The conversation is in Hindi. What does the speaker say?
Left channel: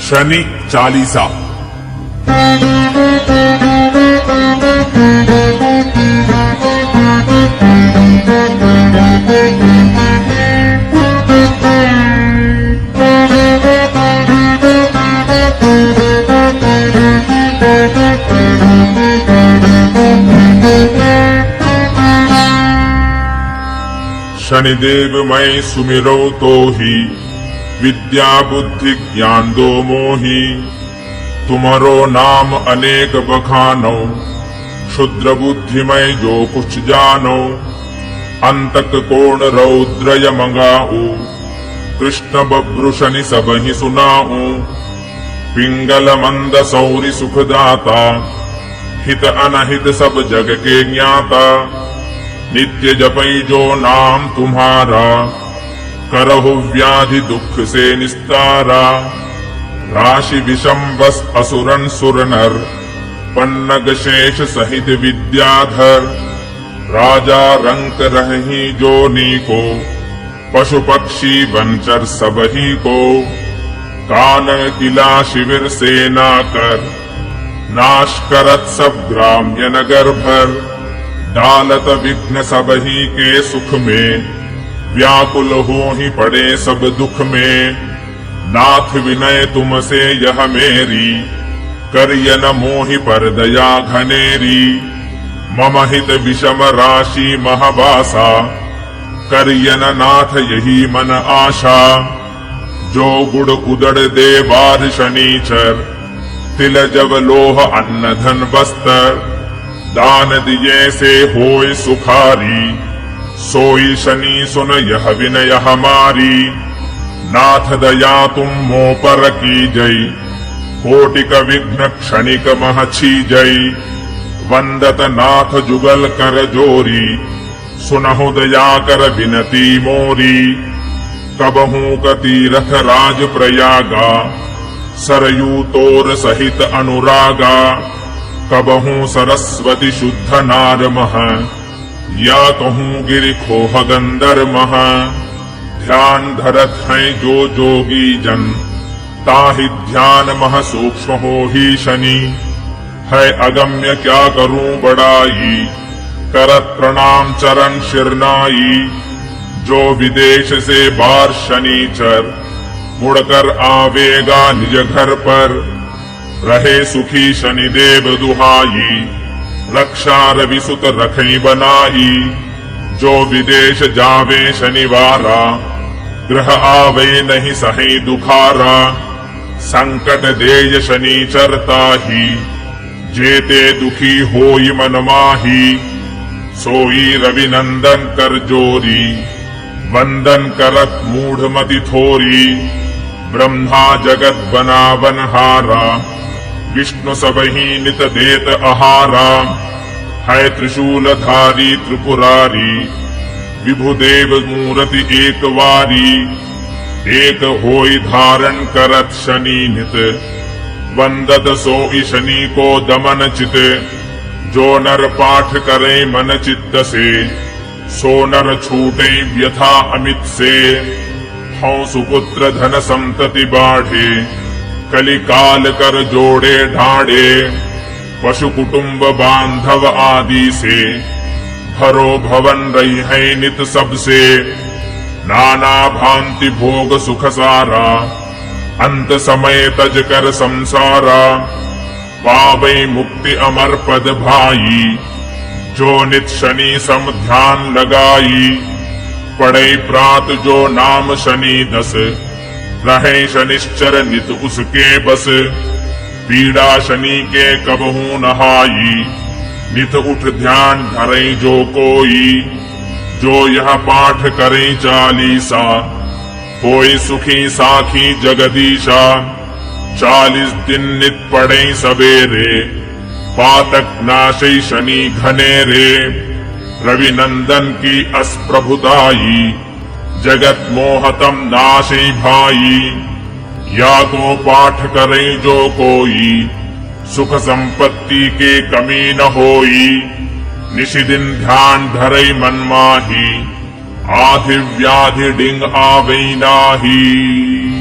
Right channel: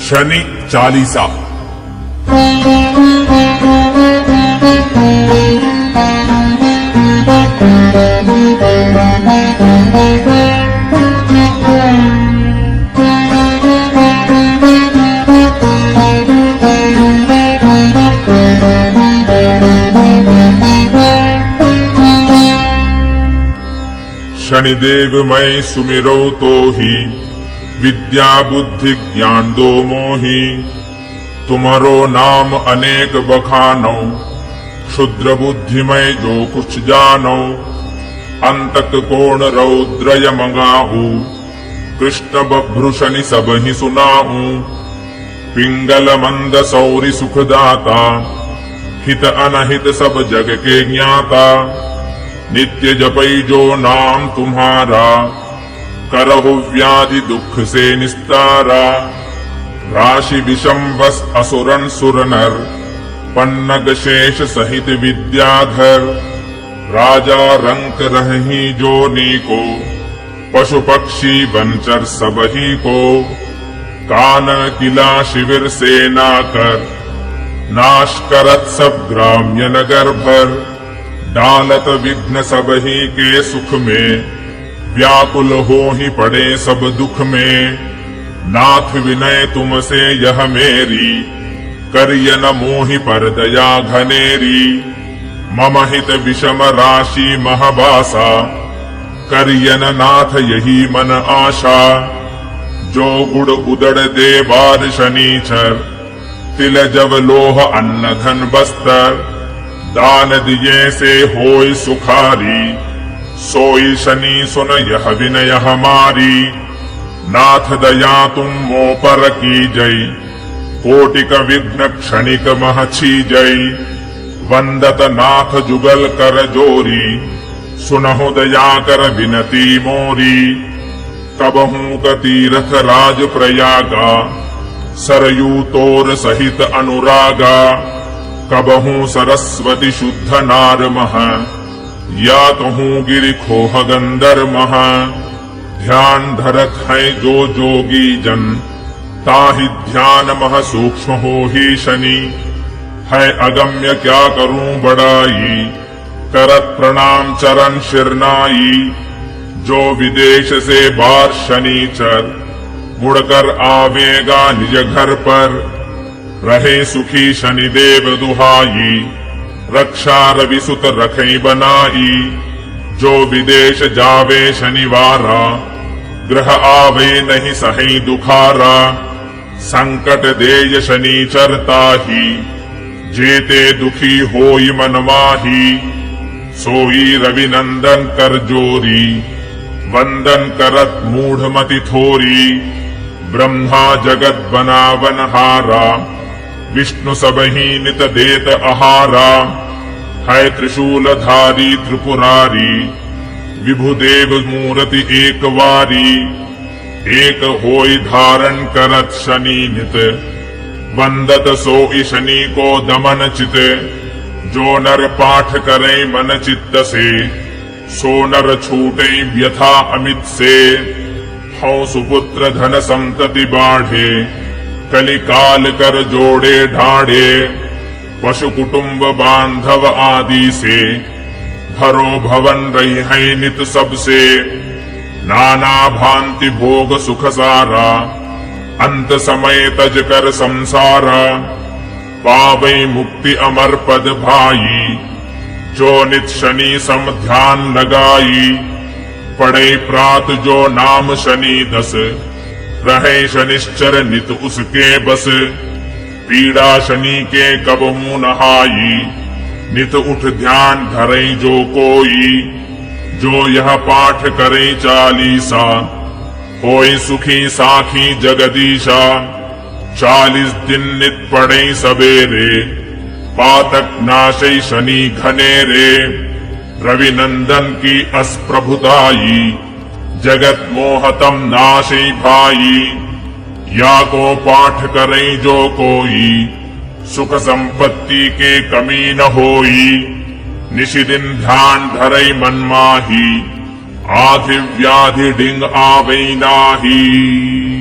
शनि चालीसा। शनिदेव मैं सुमिरो तो ही विद्या बुद्धि ज्ञान दो मोही। तुम्हारो नाम अनेक बखानो क्षुद्र बुद्धि में जो कुछ जानो। अंतक कोण रौद्र यमगाऊ कृष्ण बभ्रु शनि सब ही सुनाऊ। पिंगल मंद सौरि सुखदाता हित अनहित सब जग के ज्ञाता। नित्य जपई जो नाम तुम्हारा करहु व्याधि दुख से निस्तारा। राशि विषम बस असुरन सुरनर पन्नग शेष सहित विद्याधर। राजा रंक रही जो नीको पशु पक्षी वनचर सब ही को। कानन किला शिविर सेना कर नाश करत सब ग्राम्य नगर भर। डालत विघ्न सब ही के सुख में व्याकुल हो ही पड़े सब दुख में। नाथ विनय तुमसे यह मेरी करिय न मोहि पर दया घनेरी। मम हित विषम राशि महबासा करिय न नाथ यही मन आशा। जो गुड़ उदड़ दे बार शनिचर तिल जब लोह अन्न धन बस्तर। दान दिए से होय सुखारी सोई शनि सुन यह विनय हमारी। नाथ दया तुम मो पर की जय कोटिक विघ्न क्षणिक मह छी जय। वंदत नाथ जुगल कर जोरी सुनहु दया कर विनती मोरी। कबहू का तीरथ राज प्रयागा सरयू तोर सहित अनुरागा। कबहू सरस्वती शुद्ध नार महा या कहूँ गिरि खोह गंधर महा। ध्यान धरत है जो जोगी जन ताहि ध्यान मह सूक्ष्म हो ही शनि। है अगम्य क्या करूं बड़ाई करत प्रणाम चरण शिरनाई। जो विदेश से बार शनिचर मुड़कर आवेगा निज घर पर। रहे सुखी शनिदेव दुहाई रक्षा रवि सुत रखे बनाई। जो विदेश जावे शनिवारा ग्रह आवे नहीं सही दुखारा। संकट देय शनिचर ताही जेते दुखी होई मन माही। सोई रवि नंदन कर जोरी वंदन करत मूढ़ मति थोरी। ब्रह्मा जगत बनावन हारा विष्णु सबही नित देत आहारा। है त्रिशूलधारी त्रिपुरारी विभुदेव मूर्ति एक वारी। एक होई धारण करत शनि नित वंदत सोई शनि को दमन चित। जो नर पाठ करे मन चित्त से सो नर छूटे व्यथा अमित से। हौ सुपुत्र धन संतति बाढ़े कलिकाल कर जोड़े ढाढ़े। पशु कुटुंब बांधव आदि से भरो भवन रही है नित सबसे। नाना भांति भोग सुख सारा अंत समय तज कर संसारा। पावै मुक्ति अमर पद भाई जो नित शनि सम ध्यान लगाई। पढ़े प्रात जो नाम शनि दस रहे शनिश्चर नित उसके बस। पीड़ा शनि के कबहू नहाई नित उठ ध्यान धरे जो कोई। जो यह पाठ करे चालीसा होय सुखी साखी जगदीशा। 40 दिन नित पढ़े सबेरे पातक नाशै शनि घनेरे। रवि नंदन की अस्प्रभुताई जगत मोहतम नाशै भाई। या को पाठ करे जो कोई सुख संपत्ति के कमी न होई। निशिदिन ध्यान धरे मन माही आधि व्याधि डिंग आवे नाही।